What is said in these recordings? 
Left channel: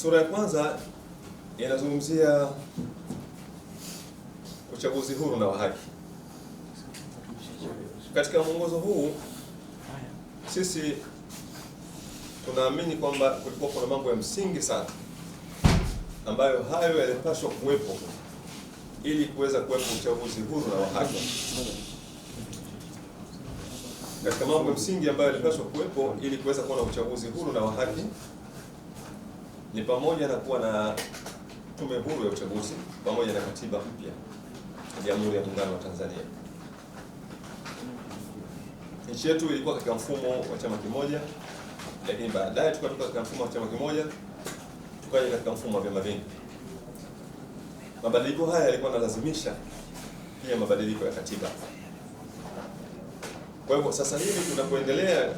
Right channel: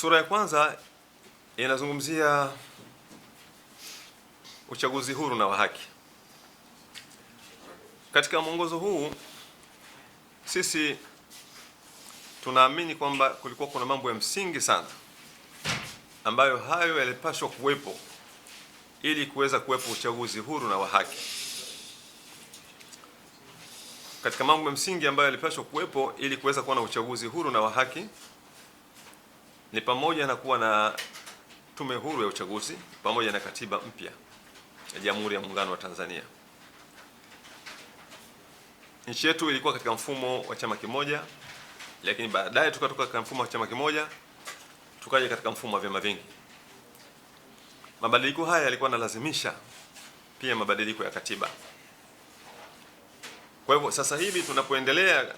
Sura ya kwanza inazungumzia uchaguzi huru na wa haki. Katika mwongozo huu sisi tunaamini kwamba kulikuwa kuna mambo ya msingi sana ambayo hayo yalipaswa kuwepo ili kuweza kuwepo uchaguzi huru na wa haki. Katika mambo ya msingi ambayo yalipaswa kuwepo ili kuweza kuwa na uchaguzi huru na wa haki ni pamoja na kuwa na tume huru ya uchaguzi pamoja na katiba mpya ya Jamhuri ya Muungano wa Tanzania. Nchi yetu ilikuwa katika mfumo wa chama kimoja, lakini baadaye tukatoka katika mfumo wa chama kimoja tukaja katika mfumo wa vyama vingi. Mabadiliko haya yalikuwa yanalazimisha pia mabadiliko ya katiba. Kwa hivyo sasa hivi tunapoendelea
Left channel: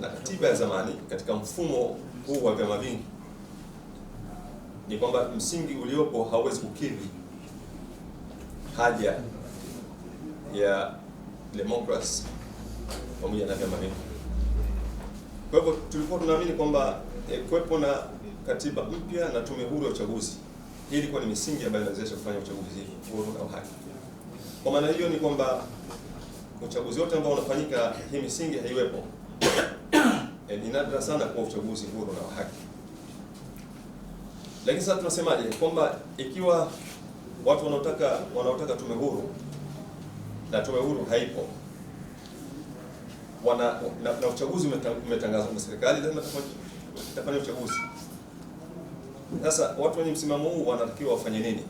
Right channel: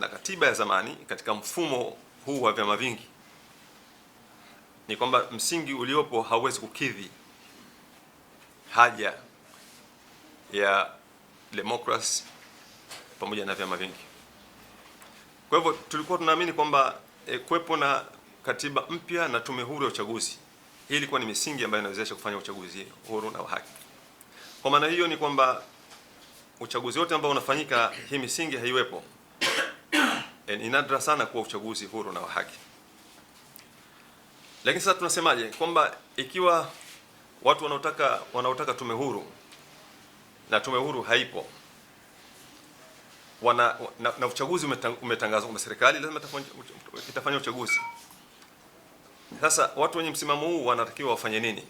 na katiba ya zamani katika mfumo huu wa vyama vingi, ni kwamba msingi uliopo hauwezi kukidhi haja ya demokrasi pamoja na vyama vingi. Kwa hivyo tulikuwa tunaamini kwamba kuwepo na katiba mpya na tume huru ya uchaguzi, hii ilikuwa ni misingi ambayo inawezesha kufanya uchaguzi huru na wa haki. Kwa maana hiyo ni kwamba uchaguzi wote ambao unafanyika hii misingi haiwepo, ni nadra sana kuwa uchaguzi huru na wa haki. Lakini sasa tunasemaje? Kwamba ikiwa watu wanaotaka tume huru na tume huru haipo, na uchaguzi umetangazwa kwa serikali, lazima itafanya uchaguzi. Sasa watu wenye msimamo huu wanatakiwa wafanye nini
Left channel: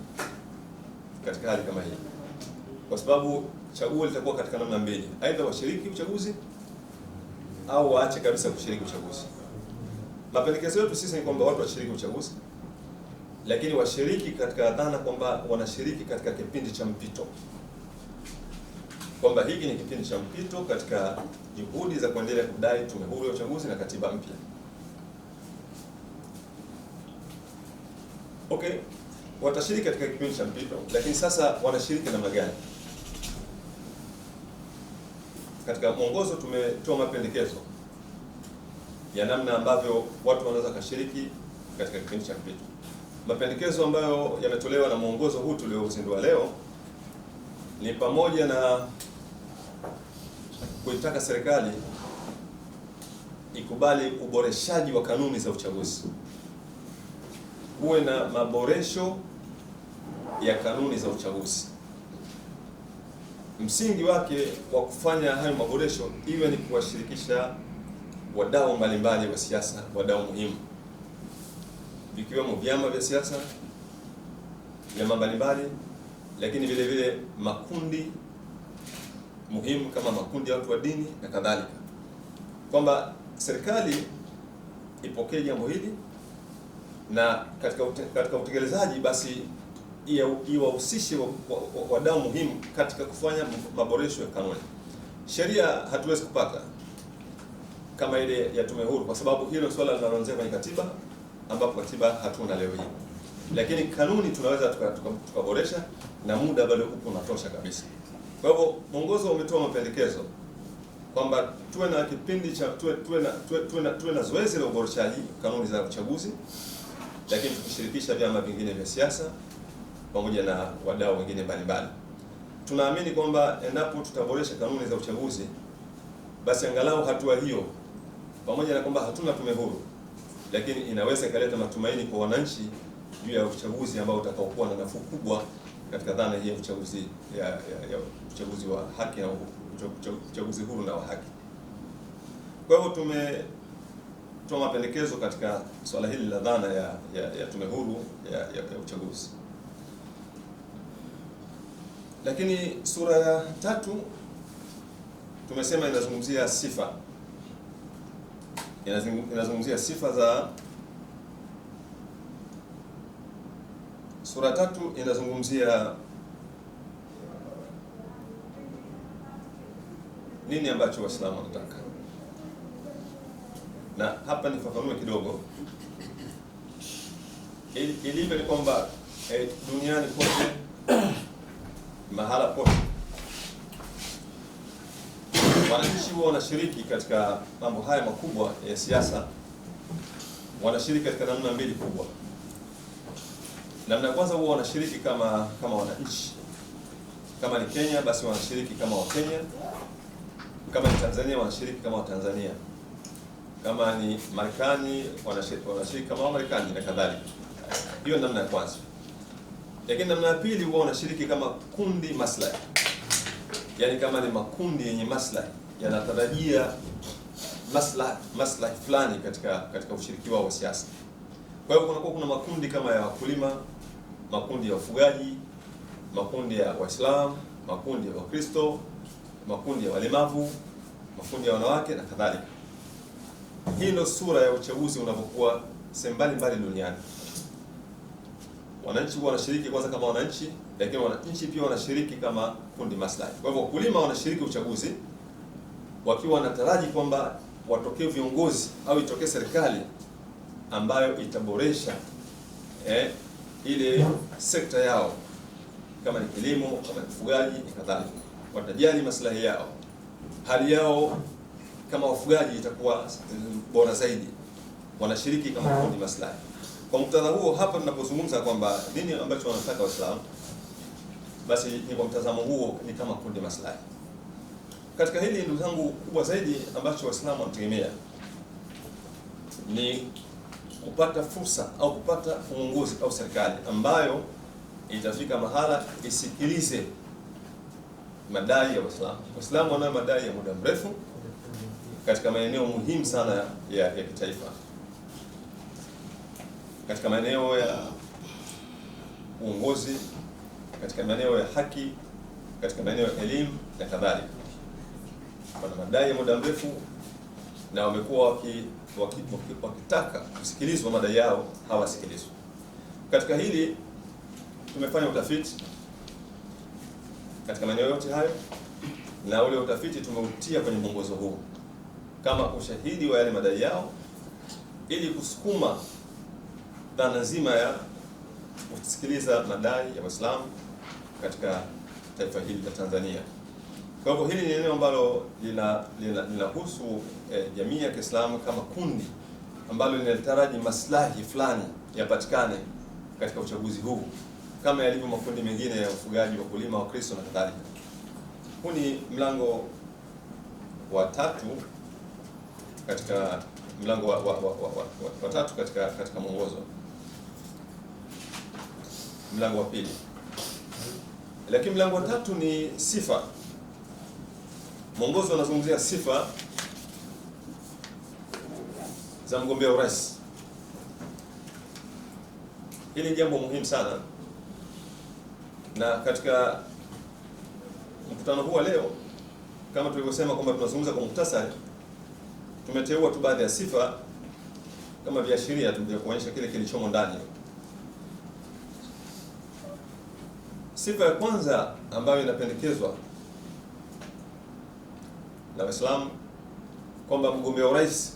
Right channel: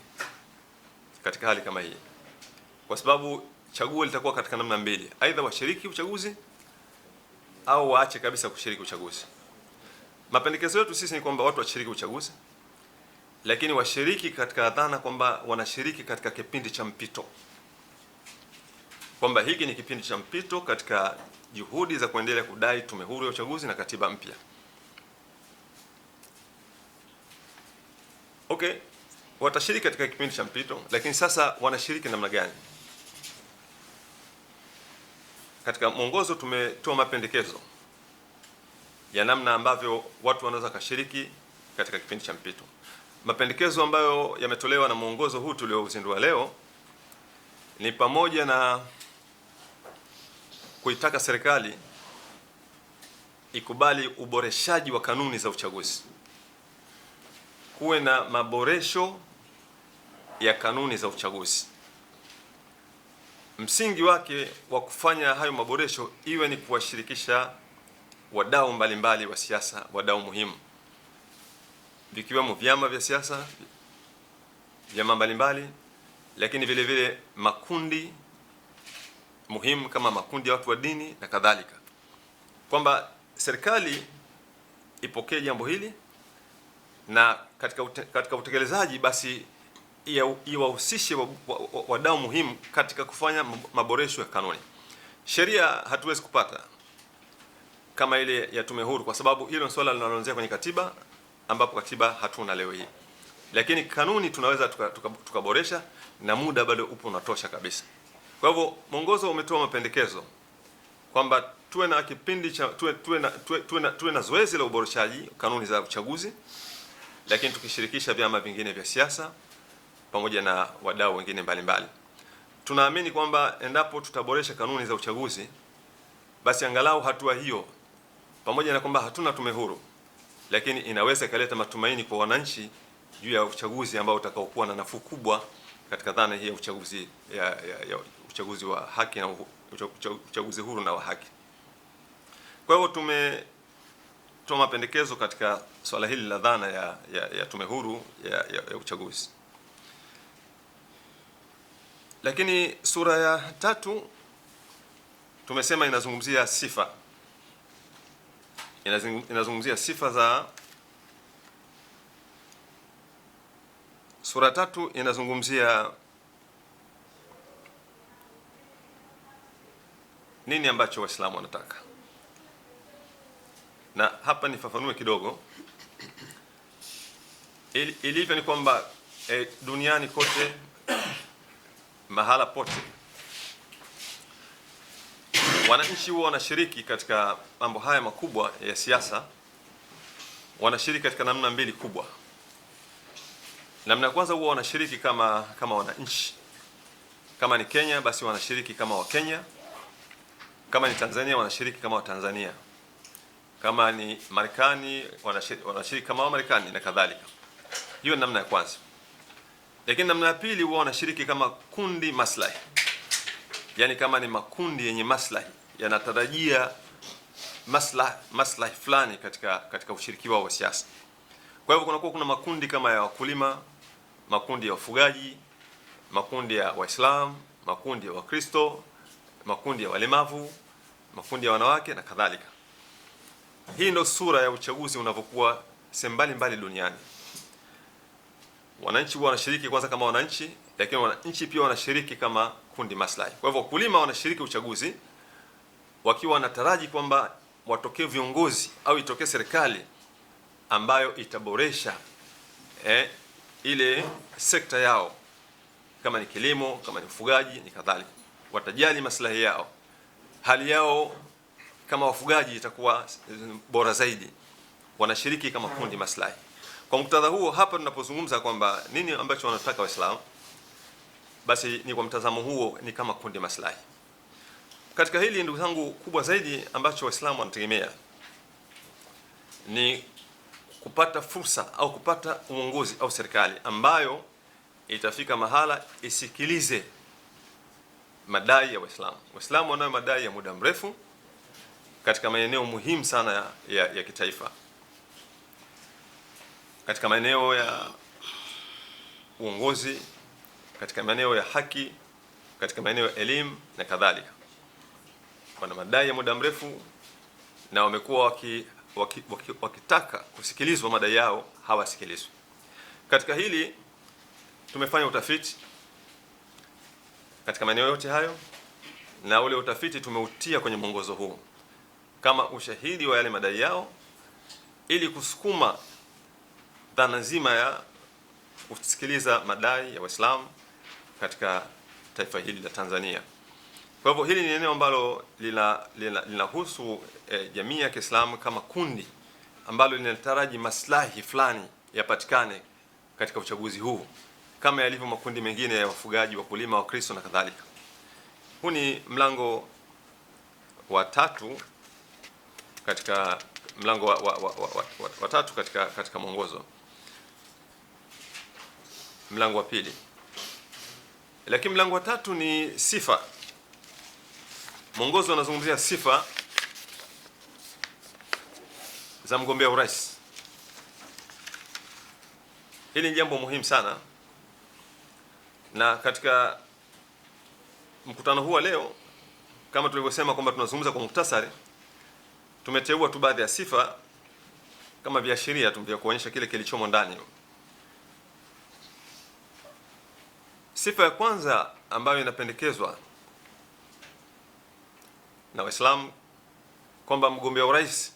katika hali kama hii? Kwa sababu chaguo litakuwa katika namna mbili, aidha washiriki uchaguzi au waache kabisa kushiriki uchaguzi. Mapendekezo yetu sisi ni kwamba watu washiriki uchaguzi, lakini washiriki katika dhana kwamba wanashiriki katika kipindi cha mpito, kwamba hiki ni kipindi cha mpito katika juhudi za kuendelea kudai tume huru ya uchaguzi na katiba mpya. Okay, watashiriki katika kipindi cha mpito, lakini sasa wanashiriki namna gani? Katika mwongozo tumetoa mapendekezo ya namna ambavyo watu wanaweza kushiriki katika kipindi cha mpito. Mapendekezo ambayo yametolewa na mwongozo huu tuliozindua leo ni pamoja na kuitaka serikali ikubali uboreshaji wa kanuni za uchaguzi, kuwe na maboresho ya kanuni za uchaguzi. Msingi wake wa kufanya hayo maboresho iwe ni kuwashirikisha wadau mbalimbali wa siasa, wadau muhimu, vikiwemo vyama vya siasa, vyama mbalimbali, lakini vile vile makundi muhimu kama makundi ya watu wa dini na kadhalika, kwamba serikali ipokee jambo hili na katika utekelezaji basi iwahusishe wadau muhimu katika kufanya maboresho ya kanuni. Sheria hatuwezi kupata kama ile ya tume huru, kwa sababu hilo ni swala linaloanzia kwenye katiba, ambapo katiba hatuna leo hii, lakini kanuni tunaweza tukaboresha, na muda bado upo unatosha kabisa. Kwa hivyo mwongozo umetoa mapendekezo kwamba tuwe na kipindi cha tuwe na zoezi la uboreshaji kanuni za uchaguzi, lakini tukishirikisha vyama vingine vya siasa pamoja na wadau wengine mbalimbali. Tunaamini kwamba endapo tutaboresha kanuni za uchaguzi, basi angalau hatua hiyo, pamoja na kwamba hatuna tume huru, lakini inaweza ikaleta matumaini kwa wananchi juu ya uchaguzi ambao utakaokuwa na nafuu kubwa katika dhana hii ya uchaguzi ya uchaguzi wa haki na uchaguzi huru na wa haki. Kwa hivyo tumetoa mapendekezo katika swala hili la dhana ya tume huru ya uchaguzi. Lakini sura ya tatu tumesema inazungumzia sifa, inazungumzia sifa za sura tatu, inazungumzia nini ambacho Waislamu wanataka. Na hapa nifafanue kidogo. Ilivyo ni kwamba duniani kote, mahala pote, wananchi wao wanashiriki katika mambo haya makubwa ya siasa wanashiriki katika namna mbili kubwa. Namna ya kwanza, huwa wanashiriki kama wananchi. Kama ni Kenya, basi wanashiriki kama Wakenya. Kama ni Tanzania, wanashiriki kama Watanzania. Kama ni Marekani, wanashiriki kama Wamarekani na kadhalika. Hiyo ni namna ya kwanza. Lakini namna ya pili, huwa wanashiriki kama kundi maslahi. Yaani kama ni makundi yenye maslahi, yanatarajia maslahi fulani katika ushiriki wao wa siasa. Kwa hivyo kuna makundi kama ya wakulima, makundi ya wafugaji, makundi ya Waislamu, makundi ya Wakristo, makundi ya walemavu, makundi ya wanawake na kadhalika. Hii ndio sura ya uchaguzi unavyokuwa sehemu mbalimbali duniani. Wananchi huwa wanashiriki kwanza kama wananchi, lakini wananchi pia wanashiriki kama kundi maslahi. Kwa hivyo wakulima wanashiriki uchaguzi wakiwa wanataraji kwamba watokee viongozi au itokee serikali ambayo itaboresha ile sekta yao, kama ni kilimo, kama ni ufugaji ni kadhalika. Watajali maslahi yao, hali yao kama wafugaji itakuwa bora zaidi. Wanashiriki kama kundi maslahi. Kwa muktadha huo, hapa tunapozungumza kwamba nini ambacho wanataka Waislamu, basi ni kwa mtazamo huo, ni kama kundi maslahi. Katika hili, ndugu zangu, kubwa zaidi ambacho Waislamu wanategemea ni kupata fursa au kupata uongozi au serikali ambayo itafika mahala isikilize madai ya Waislamu. Waislamu wanayo madai ya muda mrefu katika maeneo muhimu sana ya kitaifa, katika maeneo ya uongozi, katika maeneo ya haki, katika maeneo ya elimu na kadhalika. Wana madai ya muda mrefu na wamekuwa wakitaka kusikilizwa madai yao, hawasikilizwi. Katika hili tumefanya utafiti katika maeneo yote hayo, na ule utafiti tumeutia kwenye mwongozo huu kama ushahidi wa yale madai yao, ili kusukuma dhana nzima ya kusikiliza madai ya Waislamu katika taifa hili la Tanzania. Kwa hivyo hili ni eneo ambalo linahusu jamii ya Kiislamu kama kundi ambalo linataraji maslahi fulani yapatikane katika uchaguzi huu, kama yalivyo makundi mengine ya wafugaji, wakulima, Wakristo na kadhalika. Huu ni mlango wa tatu katika mlango wa tatu katika mwongozo, mlango wa pili. Lakini mlango wa tatu ni sifa. Mwongozo unazungumzia sifa za mgombea urais. Hili ni jambo muhimu sana, na katika mkutano huu leo, kama tulivyosema kwamba tunazungumza kwa muhtasari, tumeteua tu baadhi ya sifa kama viashiria tu vya kuonyesha kile kilichomo ndani. Sifa ya kwanza ambayo inapendekezwa na Waislamu kwamba mgombea urais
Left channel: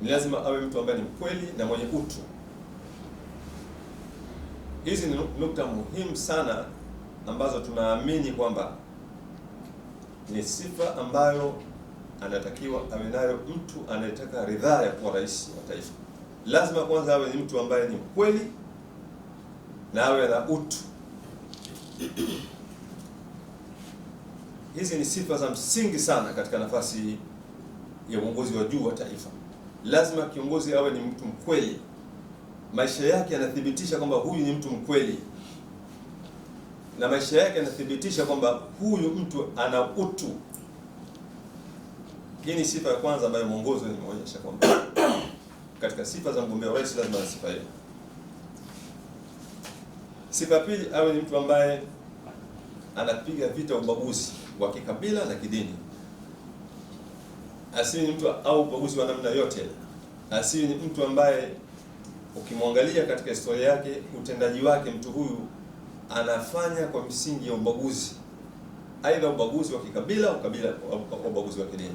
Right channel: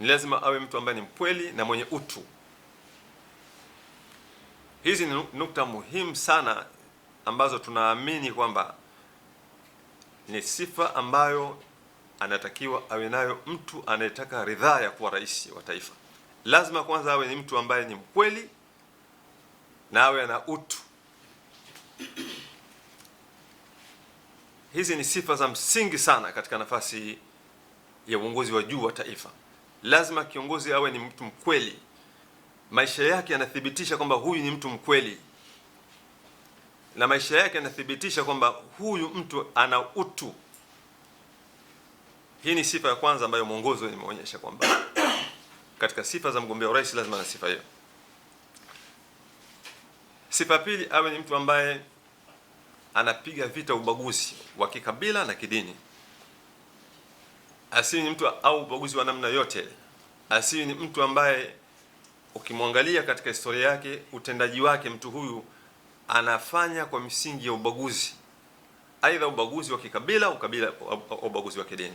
ni lazima awe mtu ambaye ni mkweli na mwenye utu. Hizi ni nukta muhimu sana ambazo tunaamini kwamba ni sifa ambayo anatakiwa awe nayo mtu anayetaka ridhaa ya kuwa rais wa taifa. Lazima kwanza awe ni mtu ambaye ni mkweli na awe na utu. Hizi ni sifa za msingi sana katika nafasi ya uongozi wa juu wa taifa. Lazima kiongozi awe ni mtu mkweli, maisha yake yanathibitisha kwamba huyu ni mtu mkweli, na maisha yake yanathibitisha kwamba huyu mtu ana utu. Hii ni sifa ya kwanza ambayo mwongozo imeonyesha kwamba katika sifa za mgombea urais lazima na sifa hiyo. Sifa ya pili, awe ni mtu ambaye anapiga vita ubaguzi wa kikabila na kidini. Asiwe ni mtu au ubaguzi wa namna yote. Asiwe ni mtu ambaye ukimwangalia katika historia yake, utendaji wake, mtu huyu anafanya kwa misingi ya ubaguzi, aidha ubaguzi wa kikabila au ubaguzi wa kidini.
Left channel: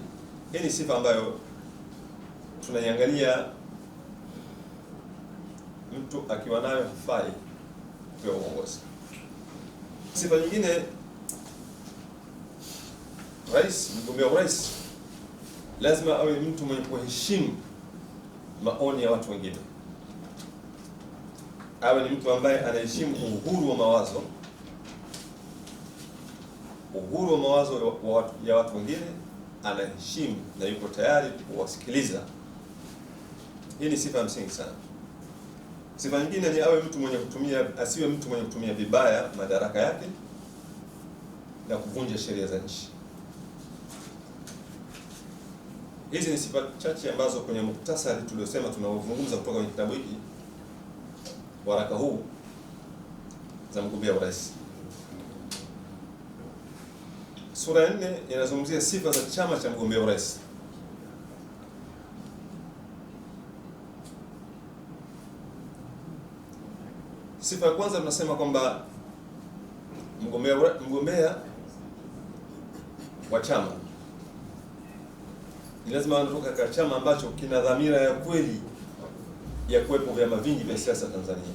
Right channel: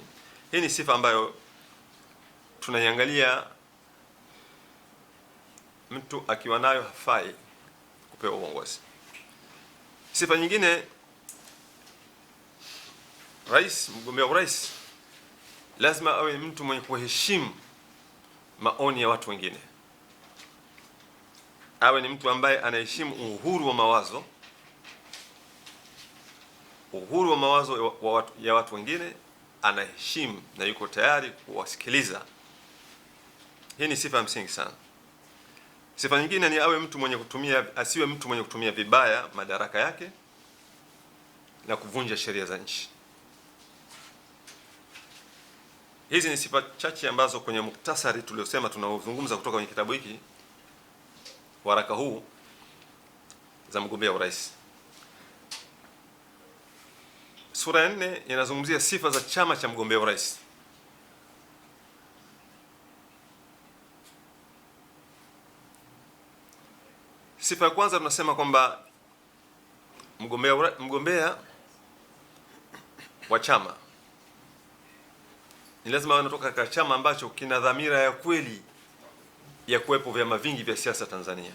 Hii ni sifa ambayo tunaiangalia, mtu akiwa nayo hafai kupewa uongozi. Sifa nyingine, rais, mgombea urais lazima awe mtu mwenye kuheshimu maoni ya watu wengine, awe ni mtu ambaye anaheshimu uhuru wa mawazo, uhuru wa mawazo ya watu wengine, anaheshimu na yuko tayari kuwasikiliza. Hii ni sifa ya msingi sana. Sifa nyingine ni asiwe mtu mwenye kutumia vibaya madaraka yake na kuvunja sheria za nchi. Hizi ni sifa chache ambazo kwenye muktasari tuliosema tunaozungumza kutoka kwenye kitabu hiki, waraka huu, za mgombea urais. Sura ya 4 inazungumzia sifa za chama cha mgombea urais. Sifa ya kwanza tunasema kwamba mgombea wa chama ni lazima anatoka katika chama ambacho kina dhamira ya kweli ya kuwepo vyama vingi vya siasa Tanzania.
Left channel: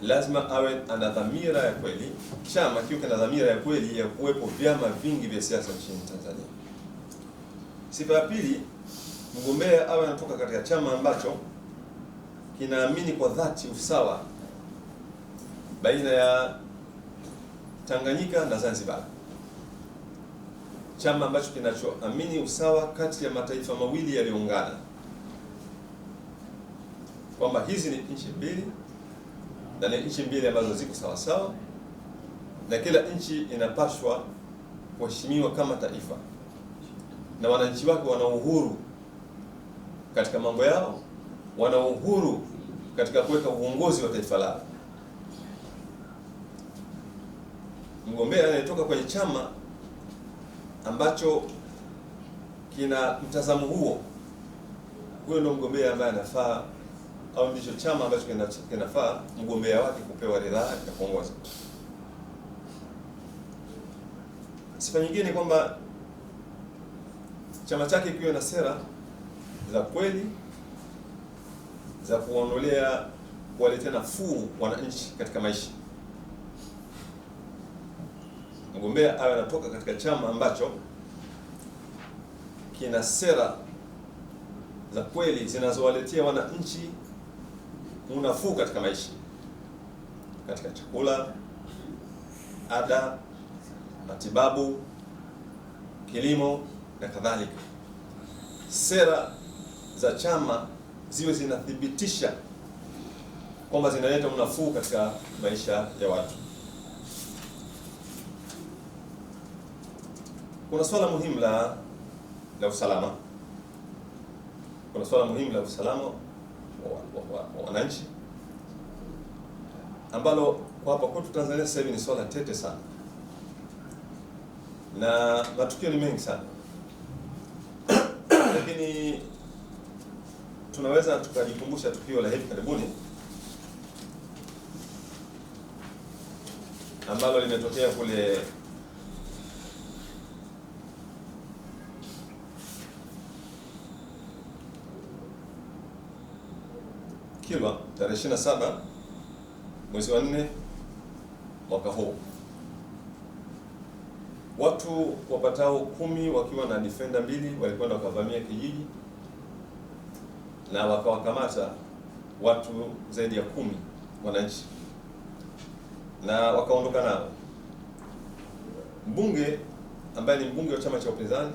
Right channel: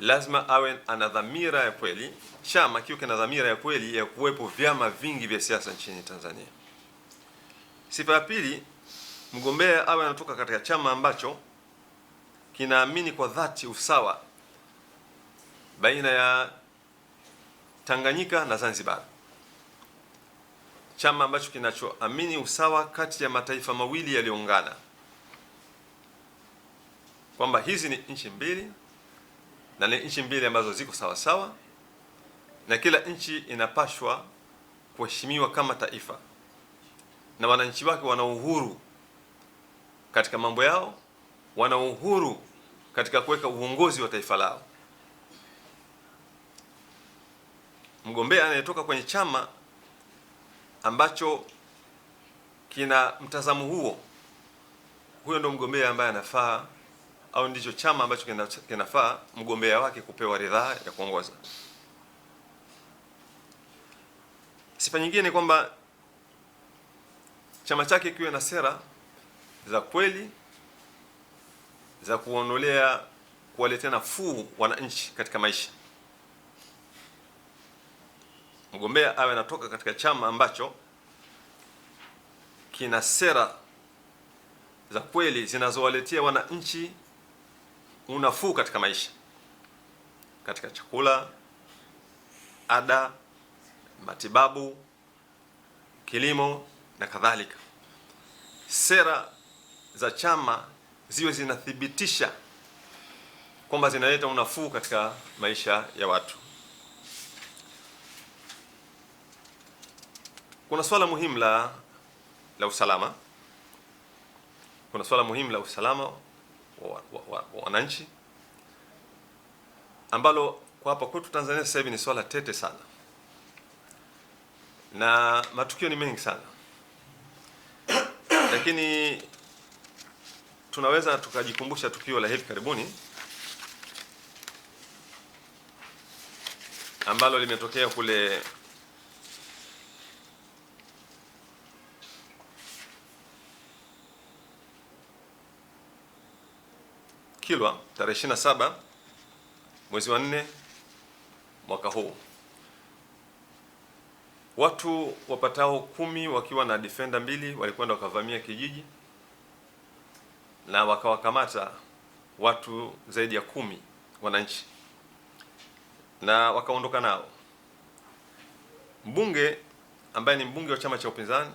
Lazima awe ana dhamira ya kweli, chama kiwe kina dhamira ya kweli ya kuwepo vyama vingi vya siasa nchini Tanzania. Sifa ya pili, mgombea awe anatoka katika chama ambacho kinaamini kwa dhati usawa baina ya Tanganyika na Zanzibar. Chama ambacho kinachoamini usawa kati ya mataifa mawili yaliyoungana, kwamba hizi ni nchi mbili na ni nchi mbili ambazo ziko sawa sawa, na kila nchi inapashwa kuheshimiwa kama taifa, na wananchi wake wana uhuru katika mambo yao, wana uhuru katika kuweka uongozi wa taifa lao. Mgombea anayetoka kwenye chama ambacho kina mtazamo huo, huyo ndio mgombea ambaye anafaa, au ndicho chama ambacho kinafaa mgombea wake kupewa ridhaa ya kuongoza. Sifa nyingine ni kwamba chama chake kiwe na sera za kweli za kuwaletea nafuu wananchi katika maisha. Mgombea awe anatoka katika chama ambacho kina sera za kweli zinazowaletea wananchi unafuu katika maisha, katika chakula, ada, matibabu, kilimo na kadhalika. Sera za chama ziwe zinathibitisha kwamba zinaleta unafuu katika maisha ya watu. Kuna swala muhimu la usalama. Kuna swala muhimu la usalama wa wananchi ambalo kwa hapa kwetu Tanzania sasa hivi ni swala tete sana, na matukio ni mengi sana, lakini tunaweza tukajikumbusha tukio la hivi karibuni ambalo limetokea kule Kilwa tarehe 27 mwezi wa 4 mwaka huu. Watu wapatao 10 wakiwa na defender 2 walikwenda wakavamia kijiji na wakawakamata watu zaidi ya 10 wananchi na wakaondoka nao. Mbunge ambaye ni mbunge wa chama cha upinzani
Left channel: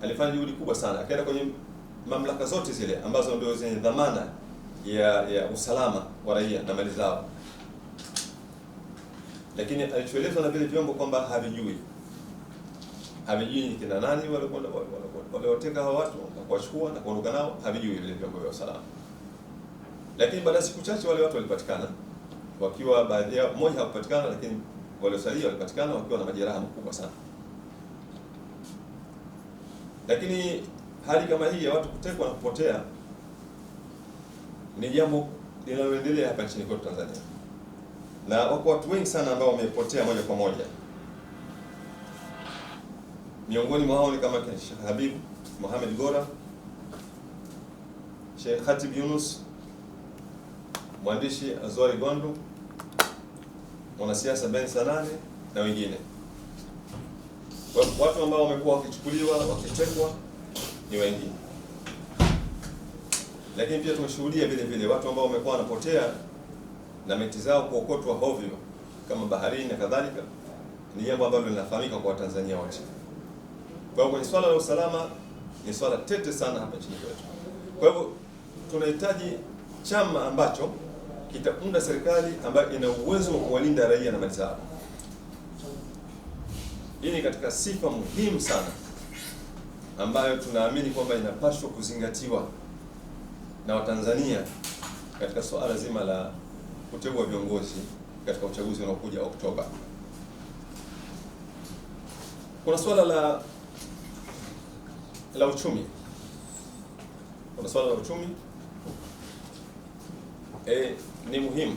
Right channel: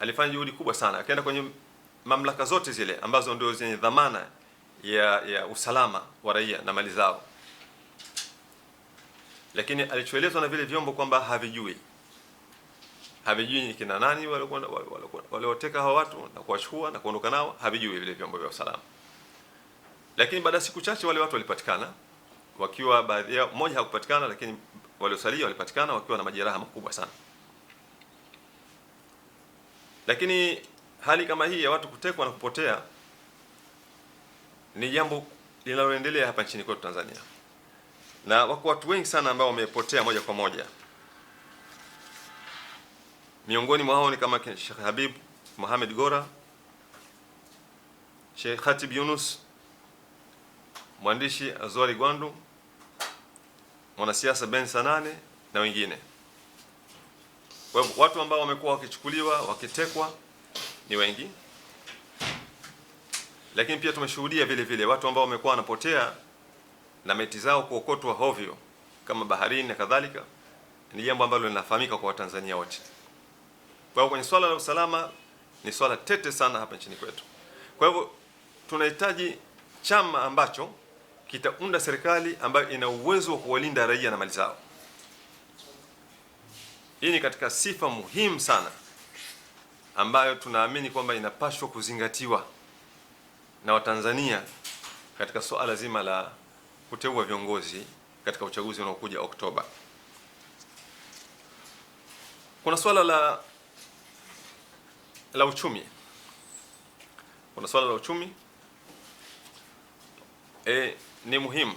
alifanya juhudi kubwa sana, akaenda kwenye mamlaka zote zile ambazo ndio zenye dhamana ya usalama wa raia na mali zao, lakini alichoelezwa na vile vyombo kwamba havijui ni kina nani walioteka hawa watu na kuwachukua na kuondoka nao, havijui vile vyombo vya usalama. Lakini baada ya siku chache wale watu walipatikana wakiwa, baadhi yao, mmoja hakupatikana, lakini waliosalia walipatikana wakiwa na majeraha makubwa sana. Lakini hali kama hii ya watu kutekwa na kupotea ni jambo linaloendelea hapa nchini kwetu Tanzania, na wako watu wengi sana ambao wamepotea moja kwa moja. Miongoni mwao ni kama Sheikh Habib Mohamed Gora, Sheikh Khatib Yunus, mwandishi Azwari Gwandu, mwanasiasa Ben Sanane na wengine. Kwa watu ambao wamekuwa wakichukuliwa, wakitekwa ni wengi, lakini pia tumeshuhudia vile vile watu ambao wamekuwa wanapotea na meti zao kuokotwa hovyo kama baharini na kadhalika. Ni jambo ambalo linafahamika kwa Watanzania wote. Kwa hiyo kwenye swala la usalama ni swala tete sana hapa nchini kwetu. Kwa hivyo tunahitaji chama ambacho kitaunda serikali ambayo ina uwezo wa kuwalinda raia na mali zao. Hii ni katika sifa muhimu sana ambayo tunaamini kwamba inapaswa kuzingatiwa na Watanzania katika swala zima la kuteua viongozi katika uchaguzi unaokuja Oktoba. Kuna swala la uchumi. Kuna swala la uchumi ni muhimu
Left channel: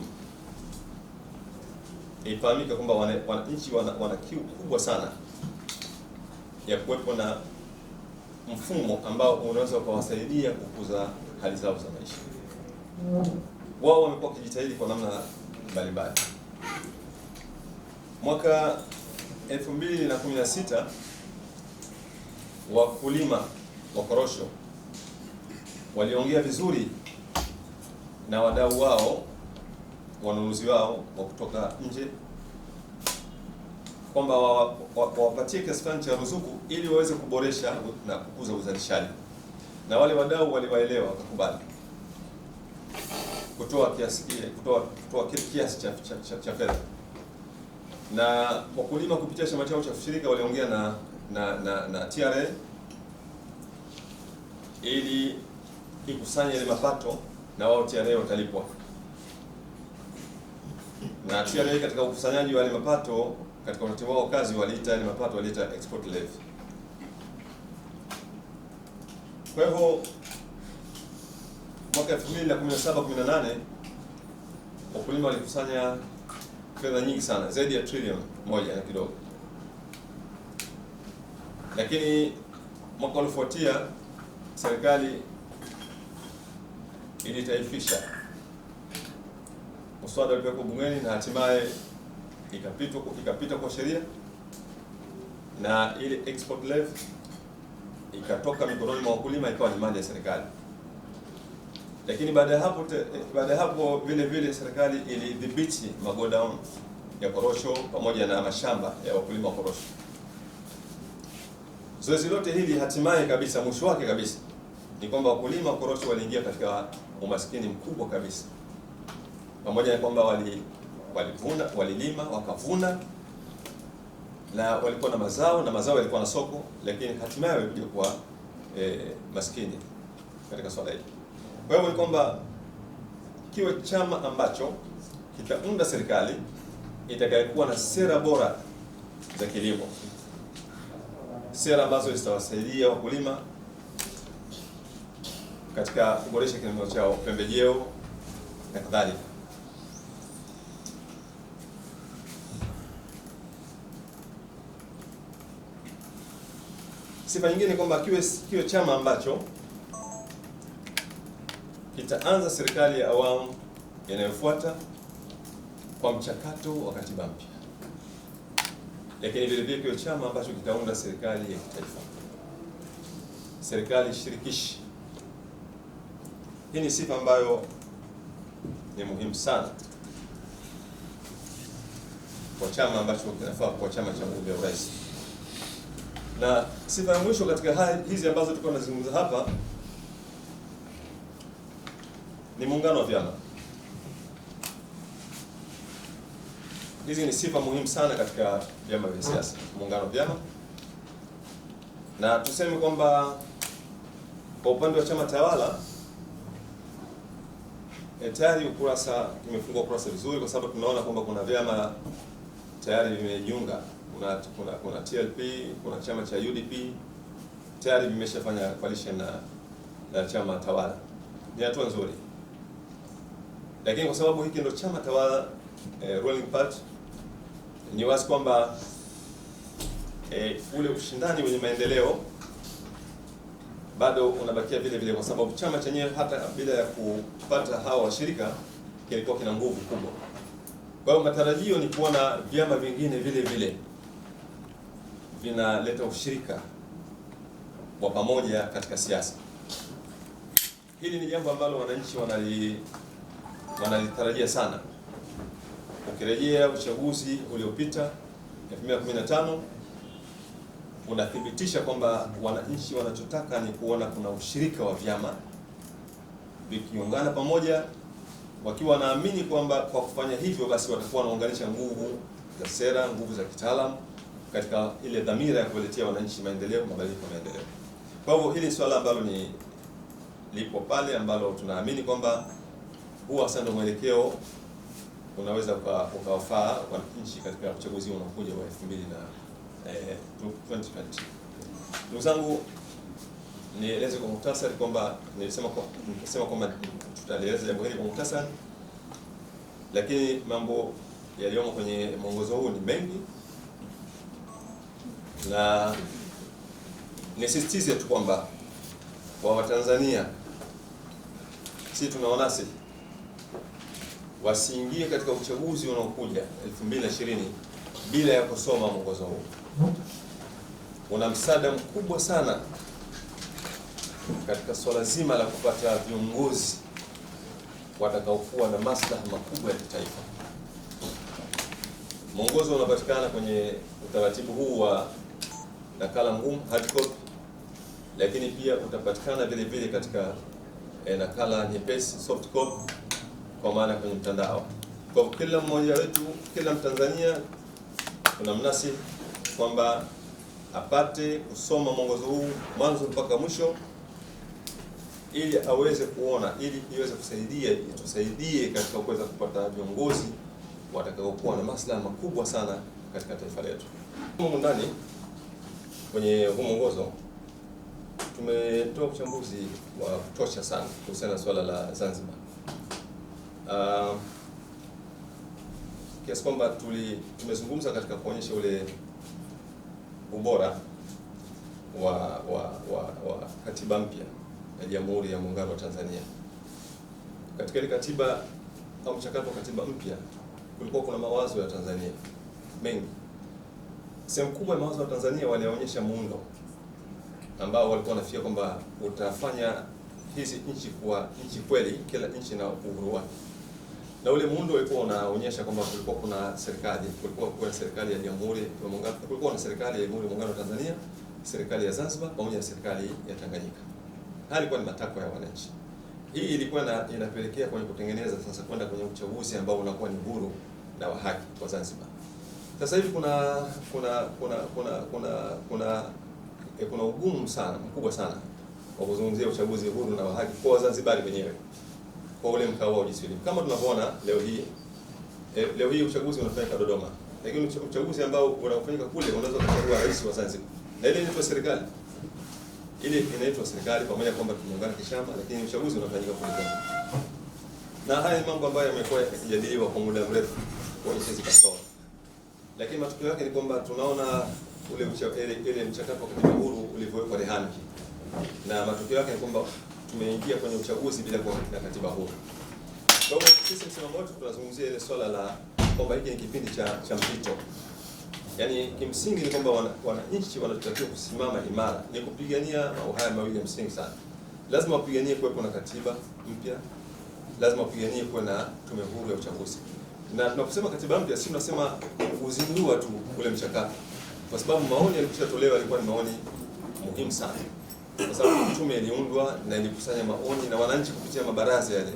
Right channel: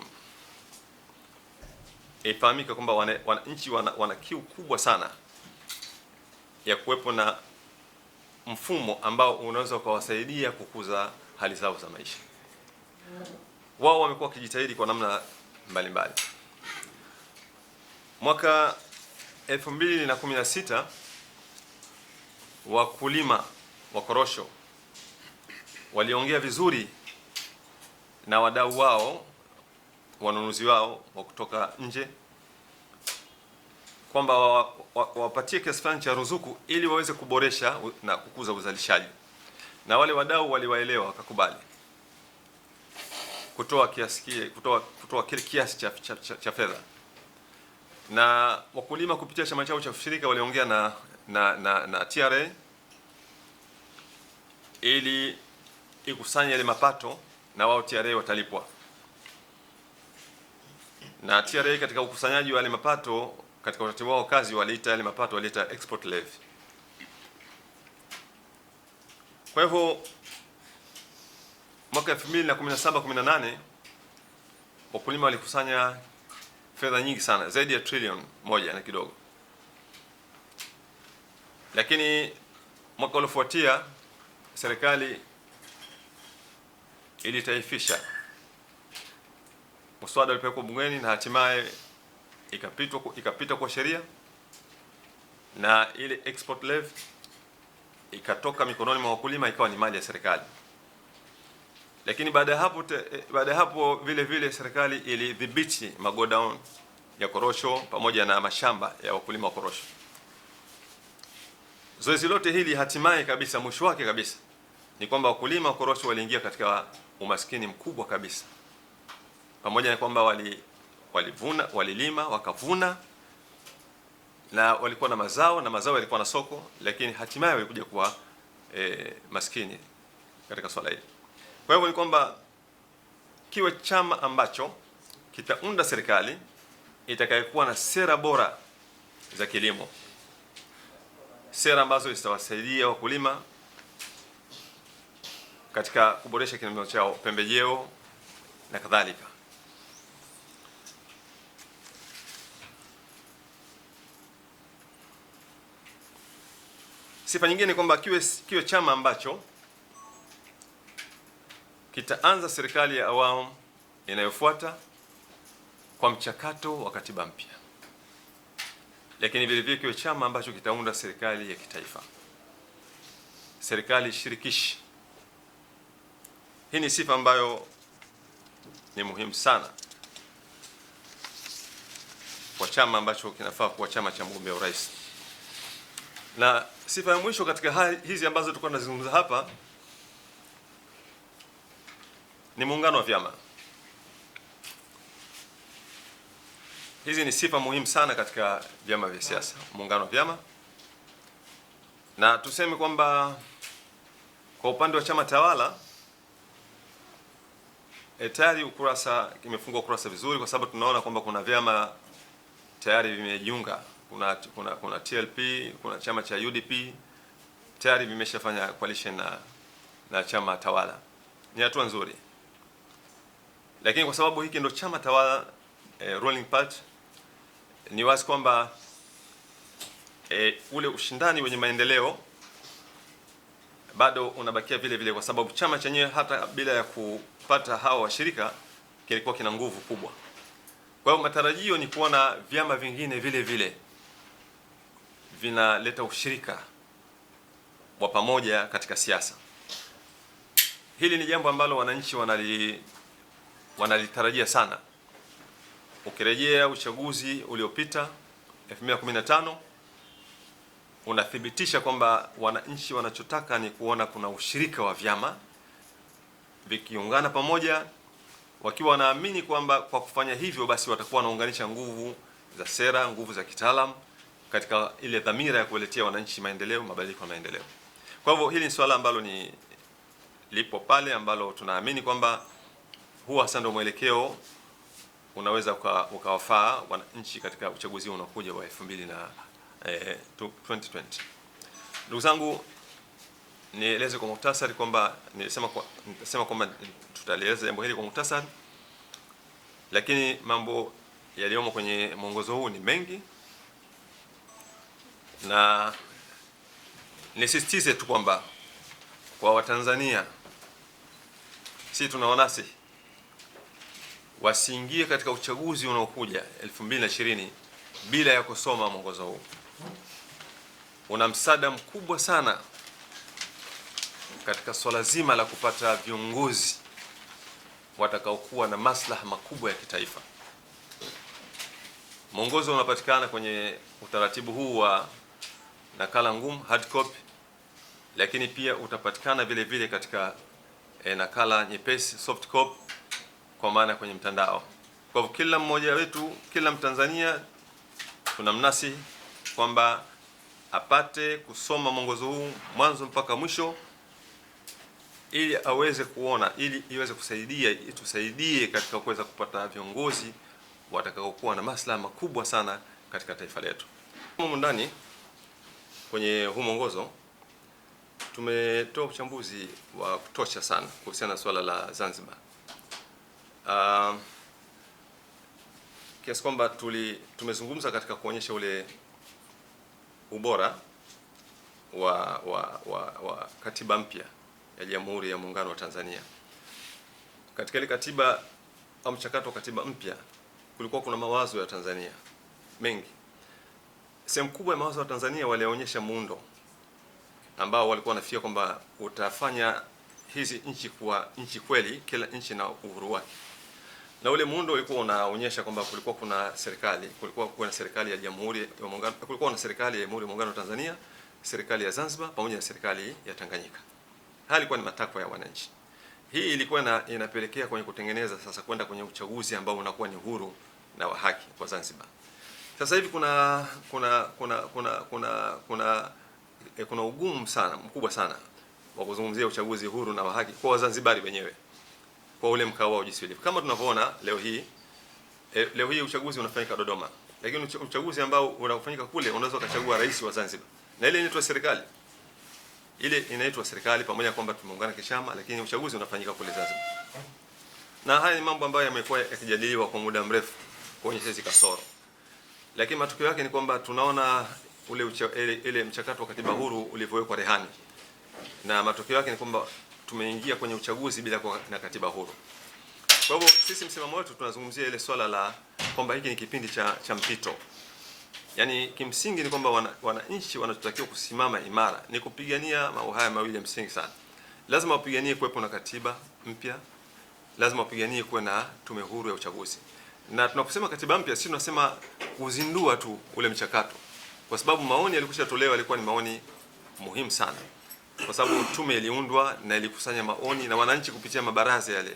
ifahamika kwamba wananchi wana kiu kubwa sana ya kuwepo na mfumo ambao unaweza kuwasaidia kukuza hali zao za maisha. Wao wamekuwa wakijitahidi kwa namna mbalimbali. Mwaka 2016 wakulima wa korosho waliongea vizuri na wadau wao, wanunuzi wao wa kutoka nje, kwamba wawapatie kiasi fulani cha ruzuku ili waweze kuboresha na kukuza uzalishaji, na wale wadau waliwaelewa, wakakubali kutoa kile kiasi cha fedha. Na wakulima kupitia chama chao cha ushirika waliongea na TRA ili ikusanye ile mapato, na wao TRA watalipwa. Na TRA katika ukusanyaji wa ile mapato, katika utaratibu wao kazi, waliita ile mapato export levy. Kwa hivyo mwaka 2017-18 wakulima walikusanya fedha nyingi sana, zaidi ya trilioni 1 na kidogo. Lakini mwaka uliofuatia serikali ilitaifisha mswada ulipelekwa bungeni na hatimaye ikapita kwa sheria, na ile export levy ikatoka mikononi mwa wakulima ikawa ni mali ya serikali. Lakini baada ya hapo vile vile serikali ilidhibiti magodown ya korosho pamoja na mashamba ya wakulima wa korosho. Zoezi lote hili hatimaye kabisa, mwisho wake kabisa, ni kwamba wakulima wa korosho waliingia katika umaskini mkubwa kabisa, pamoja na kwamba walilima wakavuna na walikuwa na mazao na mazao yalikuwa na soko, lakini hatimaye walikuja kuwa maskini katika swala hili. Kwa hivyo ni kwamba kiwe chama ambacho kitaunda serikali itakayokuwa na sera bora za kilimo, sera ambazo zitawasaidia wakulima katika kuboresha kilimo chao, pembejeo na kadhalika. Sifa nyingine ni kwamba kiwe chama ambacho kitaanza serikali ya awamu inayofuata kwa mchakato wa katiba mpya, lakini vile vile kiwe chama ambacho kitaunda serikali ya kitaifa, serikali shirikishi. Hii ni sifa ambayo ni muhimu sana kwa chama ambacho kinafaa kuwa chama cha mgombea urais. Na sifa ya mwisho katika hizi ambazo tulikuwa tunazungumza hapa ni muungano wa vyama. Hizi ni sifa muhimu sana katika vyama vya siasa, muungano wa vyama. Na tuseme kwamba kwa upande wa chama tawala tayari kimefungwa ukurasa vizuri, kwa sababu tunaona kwamba kuna vyama tayari vimejiunga. Kuna TLP, kuna chama cha UDP tayari vimeshafanya coalition na chama tawala. Ni hatua nzuri, lakini kwa sababu hiki ndio chama tawala ruling party, ni wazi kwamba ule ushindani wenye maendeleo bado unabakia vile vile, kwa sababu chama chenyewe hata bila ya kupata hawa washirika kilikuwa kina nguvu kubwa. Kwa hiyo matarajio ni kuona vyama vingine vile vile vinaleta ushirika wa pamoja katika siasa. Hili ni jambo ambalo wananchi wanalitarajia sana. Ukirejea uchaguzi uliopita 2015 unathibitisha kwamba wananchi wanachotaka ni kuona kuna ushirika wa vyama vikiungana pamoja, wakiwa wanaamini kwamba kwa kufanya hivyo basi watakuwa wanaunganisha nguvu za sera, nguvu za kitaalamu katika ile dhamira ya kuletea wananchi maendeleo, mabadiliko na maendeleo. Kwa hivyo hili ni swala ambalo lipo pale, ambalo tunaamini kwamba huwa sasa ndio mwelekeo unaweza ukawafaa wananchi katika uchaguzi unaokuja wa 2020. Ndugu zangu, nieleze kwa muhtasari kwamba nilisema kwamba tutalieleza jambo hili kwa muhtasari, lakini mambo yaliyomo kwenye mwongozo huu ni mengi, na nisisitize tu kwamba kwa Watanzania sisi tunaonasi wasiingie katika uchaguzi unaokuja 2020 bila ya kusoma mwongozo huu. Una msaada mkubwa sana katika swala zima la kupata viongozi watakaokuwa na maslaha makubwa ya kitaifa. Mwongozo unapatikana kwenye utaratibu huu wa nakala ngumu, hard copy, lakini pia utapatikana vile vile katika nakala nyepesi, soft copy, kwa maana kwenye mtandao. Kwa kila mmoja wetu, kila Mtanzania tunamnasi kwamba apate kusoma mwongozo huu mwanzo mpaka mwisho, ili aweze kuona, ili iweze itusaidie katika kuweza kupata viongozi watakaokuwa na maslaha makubwa sana katika taifa letu. Humu ndani kwenye huu mwongozo tumetoa uchambuzi wa kutosha sana kuhusiana na swala la Zanzibar, kiasi kwamba tumezungumza katika kuonyesha ule ubora wa katiba mpya ya Jamhuri ya Muungano wa Tanzania. Katika ile katiba au mchakato wa katiba mpya kulikuwa kuna mawazo ya Tanzania mengi. Sehemu kubwa ya mawazo ya Tanzania walionyesha muundo ambao walikuwa wanafikia kwamba utafanya hizi nchi kuwa nchi kweli, kila nchi na uhuru wake. Na ule muundo ulikuwa unaonyesha kwamba kulikuwa kuna serikali ya Jamhuri ya Muungano, kulikuwa na serikali ya Jamhuri ya Muungano wa Tanzania, serikali ya Zanzibar pamoja na serikali ya Tanganyika. Haya ilikuwa ni matakwa ya wananchi. Hii ilikuwa inapelekea kwenye kutengeneza sasa kwenda kwenye uchaguzi ambao unakuwa ni huru na wa haki kwa Zanzibar. Sasa hivi kuna ugumu sana mkubwa sana wa kuzungumzia uchaguzi huru na wa haki kwa Wazanzibari wenyewe, kwa ule mkao wa jinsi. Kama tunavyoona leo hii uchaguzi unafanyika Dodoma, lakini uchaguzi ambao unafanyika kule unaweza kuchagua rais wa Zanzibar, na ile inaitwa serikali. Ile inaitwa serikali pamoja kwamba tumeungana kishama, lakini uchaguzi unafanyika kule Zanzibar. Na haya ni mambo ambayo yamekuwa yakijadiliwa kwa muda mrefu kuonyesha hizi kasoro, lakini matokeo yake ni kwamba tunaona ile mchakato wa katiba huru ulivyowekwa rehani, na matokeo yake ni kwamba tumeingia kwenye uchaguzi bila kuwa na katiba huru. Kwa hivyo sisi msimamo wetu tunazungumzia ile swala la kwamba hiki ni kipindi cha mpito. Yaani kimsingi ni kwamba wananchi wanatakiwa kusimama imara, ni kupigania mambo haya mawili ya msingi sana. Lazima wapiganie kuwepo na katiba mpya, lazima wapiganie kuwe na tume huru ya uchaguzi. Na tunaposema katiba mpya, sisi tunasema kuzindua tu ule mchakato, kwa sababu maoni yalikushatolewa yalikuwa ni maoni muhimu sana, kwa sababu tume iliundwa na ilikusanya maoni, na wananchi kupitia mabaraza yale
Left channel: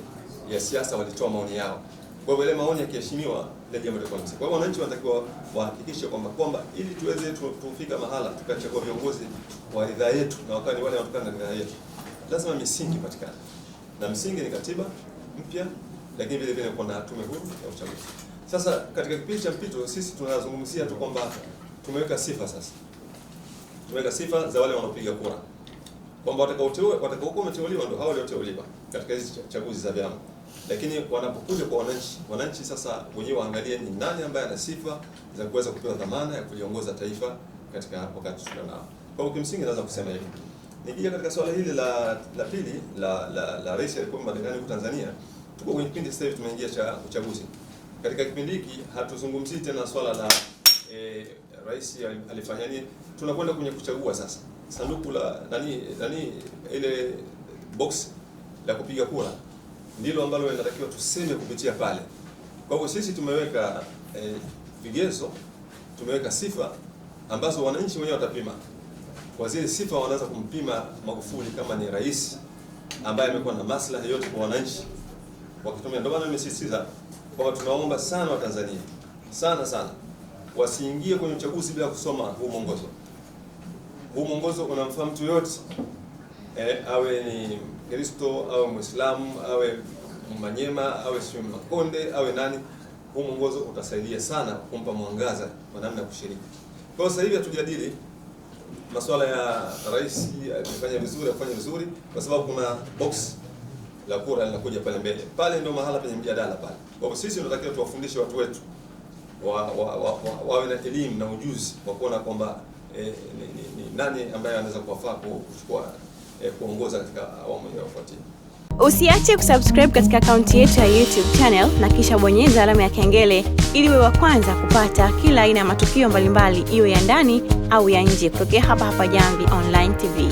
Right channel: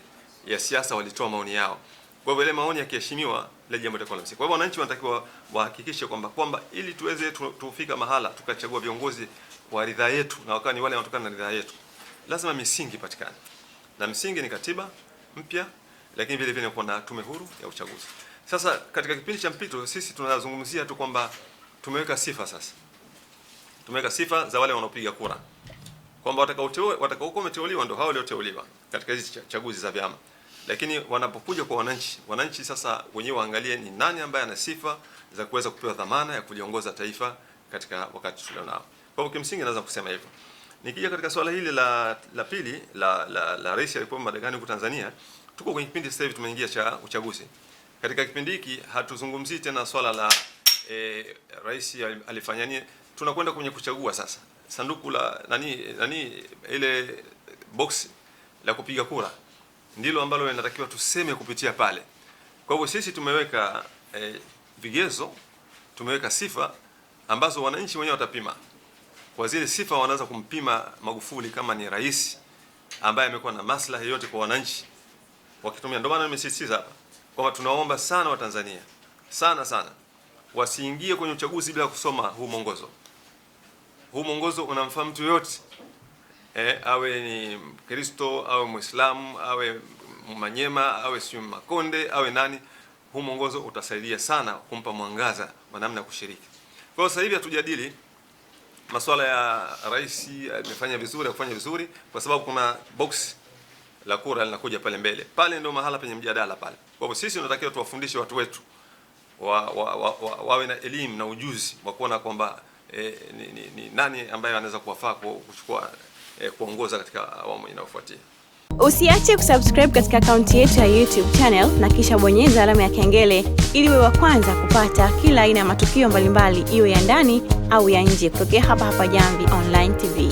ya siasa walitoa maoni yao. Kwa hivyo ile maoni yakiheshimiwa, ile jambo litakuwa msingi. Kwa hivyo wananchi wanatakiwa wahakikishe kwamba ili tuweze tufika mahala tukachagua viongozi wa ridhaa yetu na wakani wale wanatokana na ridhaa yetu, lazima misingi ipatikane. Na msingi ni katiba mpya, lakini vile vile kuna tume huru ya uchaguzi. Sasa katika kipindi cha mpito sisi tunazungumzia tu kwamba tumeweka sifa sasa. Tumeweka sifa za wale wanaopiga kura, kwamba watakaokuwa wameteuliwa ndio hao walioteuliwa katika hizi chaguzi za vyama. Lakini wanapokuja kwa wananchi sasa wenyewe waangalie ni nani ambaye ana sifa za kuweza kupewa dhamana ya kuliongoza taifa katika wakati tulionao. Kwa hiyo kimsingi naweza kusema hivi. Nikija katika swala hili la pili la rais aliyepo madarakani huko Tanzania, tuko kwenye kipindi sasa hivi tumeingia cha uchaguzi. Katika kipindi hiki hatuzungumzii tena swala la rais alifanya nini, tunakwenda kwenye kuchagua sasa. sanduku la ile box la kupiga kura ndilo ambalo linatakiwa tuseme kupitia pale. Kwa hivyo sisi tumeweka vigezo, tumeweka sifa ambazo wananchi wenyewe watapima. Kwa zile sifa wanaweza kumpima Magufuli kama ni rais ambaye amekuwa na maslahi yote kwa wananchi wakitumia. Ndio maana nimesisitiza kwamba tunaomba sana Watanzania sana wasiingie kwenye uchaguzi bila kusoma huu mwongozo. Huu mwongozo unamfaa mtu yote, awe ni Kristo, awe Muislamu, awe Manyema, awe si Makonde, awe nani. Huu mwongozo utasaidia sana kumpa mwangaza wa namna ya kushiriki. Kwa hiyo sasa hivi hatujadili masuala ya rais alifanya vizuri, afanye vizuri, kwa sababu kuna box la kura linakuja pale mbele. Pale ndio mahala penye mjadala pale. Kwa hivyo sisi tunatakiwa tuwafundishe watu wetu wawe na elimu na ujuzi wa kuona kwamba ni nani ambaye anaweza kuwafaa kuchukua kuongoza katika awamu inayofuatia. Usiache kusubscribe katika akaunti yetu ya YouTube channel na kisha bonyeza alama ya kengele ili uwe wa kwanza kupata kila aina ya matukio mbalimbali, iwe ya ndani au ya nje, kutokea hapa Jamvi Online TV.